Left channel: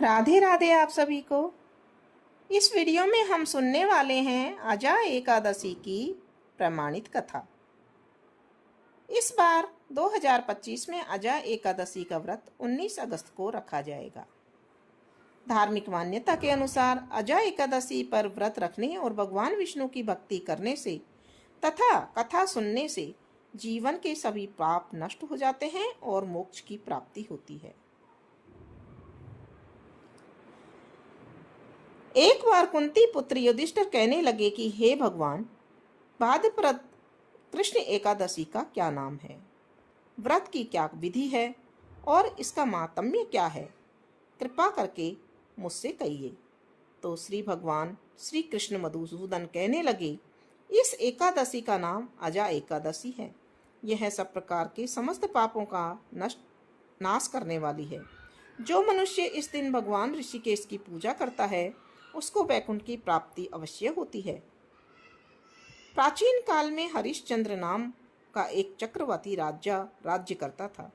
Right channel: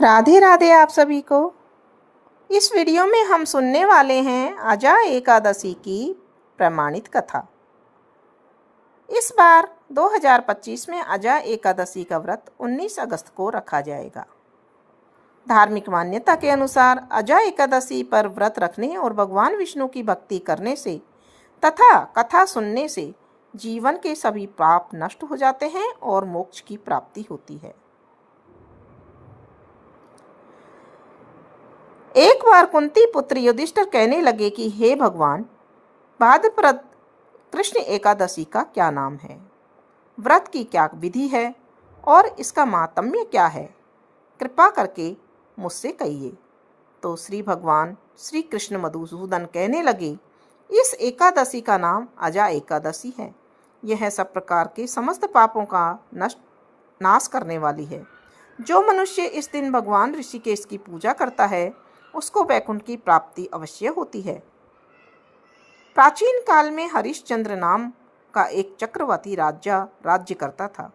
राधे राधे आप सभी को। इस वीडियो में हम सुनने वाले हैं अजा एकादशी की प्रमाणित कथा। इस बार 2025 में अजा एकादशी का व्रत 19 अगस्त को रखा जाएगा। धार्मिक मान्यता के अनुसार अजा एकादशी पर व्रत रखने और भगवान विष्णु की भक्ति करने से तथा कथा सुनने से जीवन के सभी पाप नष्ट हो जाते हैं और मोक्ष की प्राप्ति होती है। एक बार कुंती पुत्र युधिष्ठिर कहने लगे कि हे भगवान, भाद्रपद कृष्ण एकादशी का क्या नाम है, व्रत की क्या विधि है और इसका माहात्म्य क्या है, कृपा करके मुझसे कहिए। तो श्री भगवान श्री कृष्ण मधुसूदन कहने लगे, इस एकादशी का नाम अजा एकादशी है। यह सब प्रकार के समस्त पापों का नाश करने वाली है। जो मनुष्य इस दिन भगवान ऋषिकेश की पूजा करता है उसको वैकुंठ की प्राप्ति अवश्य होती है। प्राचीन काल में हरिश्चंद्र नाम का एक चक्रवर्ती राजा राज्य करता था।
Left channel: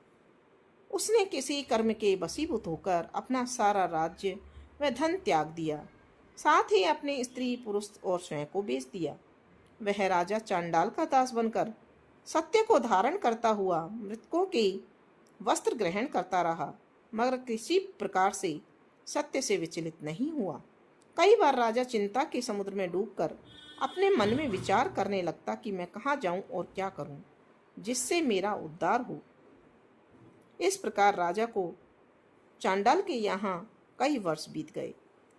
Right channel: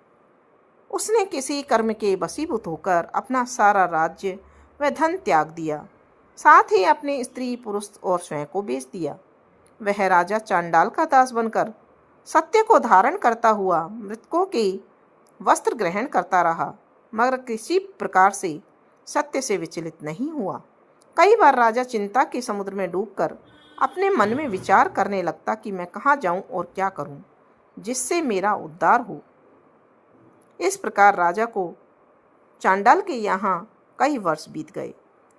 उसने किसी कर्म के वशीभूत होकर अपना सारा राज्य व धन त्याग दिया, साथ ही अपने स्त्री पुरुष और स्वयं को बेच दिया। वह राजा चांडाल का दास बनकर सत्य को धारण करता हुआ मृतकों के वस्त्र ग्रहण करता रहा, मगर किसी प्रकार से सत्य से विचलित नहीं हुआ। कई बार राजा चिंता के समुद्र में डूबकर अपने मन में विचार करने लगता कि मैं कहाँ जाऊं और क्या करूं जिससे मेरा उद्धार हो। इस प्रकार राजा को चांडाल के यहाँ कई वर्ष बीत गए।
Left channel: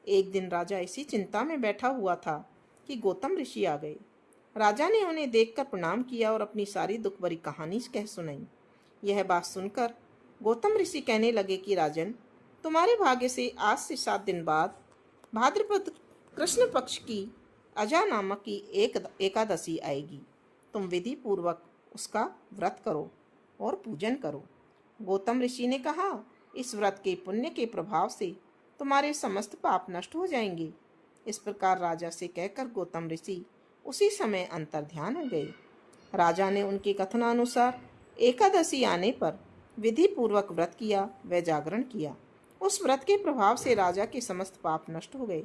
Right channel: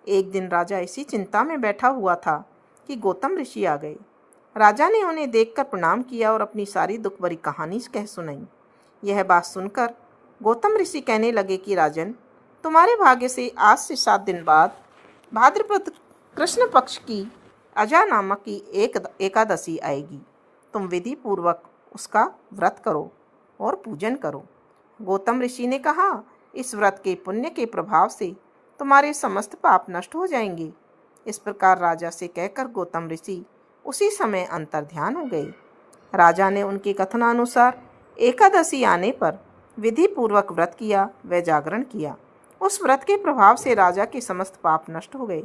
एक दिन राजा इसी चिंता में बैठा हुआ था कि गौतम ऋषि आ गए। राजा ने उन्हें देखकर प्रणाम किया और अपनी सारी दुख भरी कहानी कह सुनाई। यह बात सुनकर गौतम ऋषि कहने लगे कि राजन, तुम्हारे भाग्य से आज से 7 दिन बाद भाद्रपद कृष्ण पक्ष की अजा नामक की एकादशी आएगी। तुम विधि पूर्वक उसका व्रत करो और पूजन करो। गौतम ऋषि ने कहा, इस व्रत के पुण्य के प्रभाव से तुम्हारे समस्त पाप नष्ट हो जाएंगे। इस प्रकार राजा से कहकर गौतम ऋषि उसी समय अंतर्ध्यान हो गए। राजा ने उनके कथनानुसार एकादशी आने पर विधि पूर्वक व्रत किया व जागरण किया। उस व्रत के प्रभाव से राजा के समस्त पाप नष्ट हो गए।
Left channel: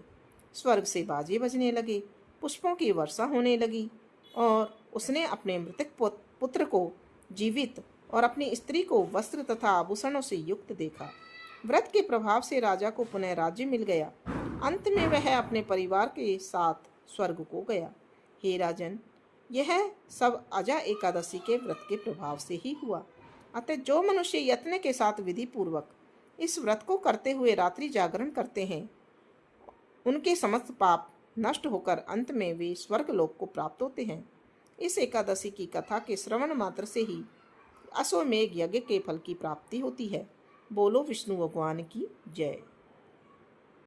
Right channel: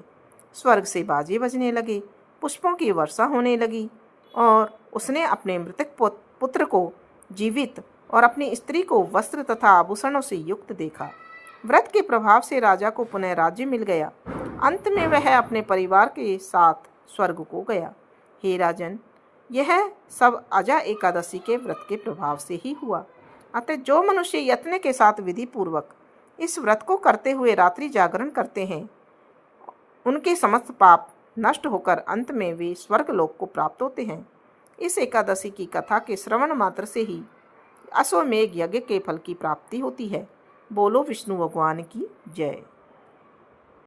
स्वर्ग से बाजे बजने लगे, पुष्पों की वर्षा होने लगी और उसने अपने मृतक पुत्र को जीवित और अपनी स्त्री को वस्त्र तथा आभूषणों से युक्त देखा। व्रत के प्रभाव से राजा को पुनः राज्य मिल गया। अंत में वह अपने परिवार के साथ स्वर्ग को गया। हे राजन, यह सब अजा एकादशी के व्रत के प्रभाव से ही हुआ। अतः जो मनुष्य यत्न के साथ विधि पूर्वक इस व्रत को करते हुए रात्रि जागरण करते हैं, उनके समस्त पाप नष्ट होकर अंत में वे स्वर्ग लोक को प्राप्त होते हैं। इस एकादशी की कथा के श्रवण मात्र से ही अश्वमेघ यज्ञ के फल की प्राप्ति होती है। बोलो विष्णु भगवान की जय।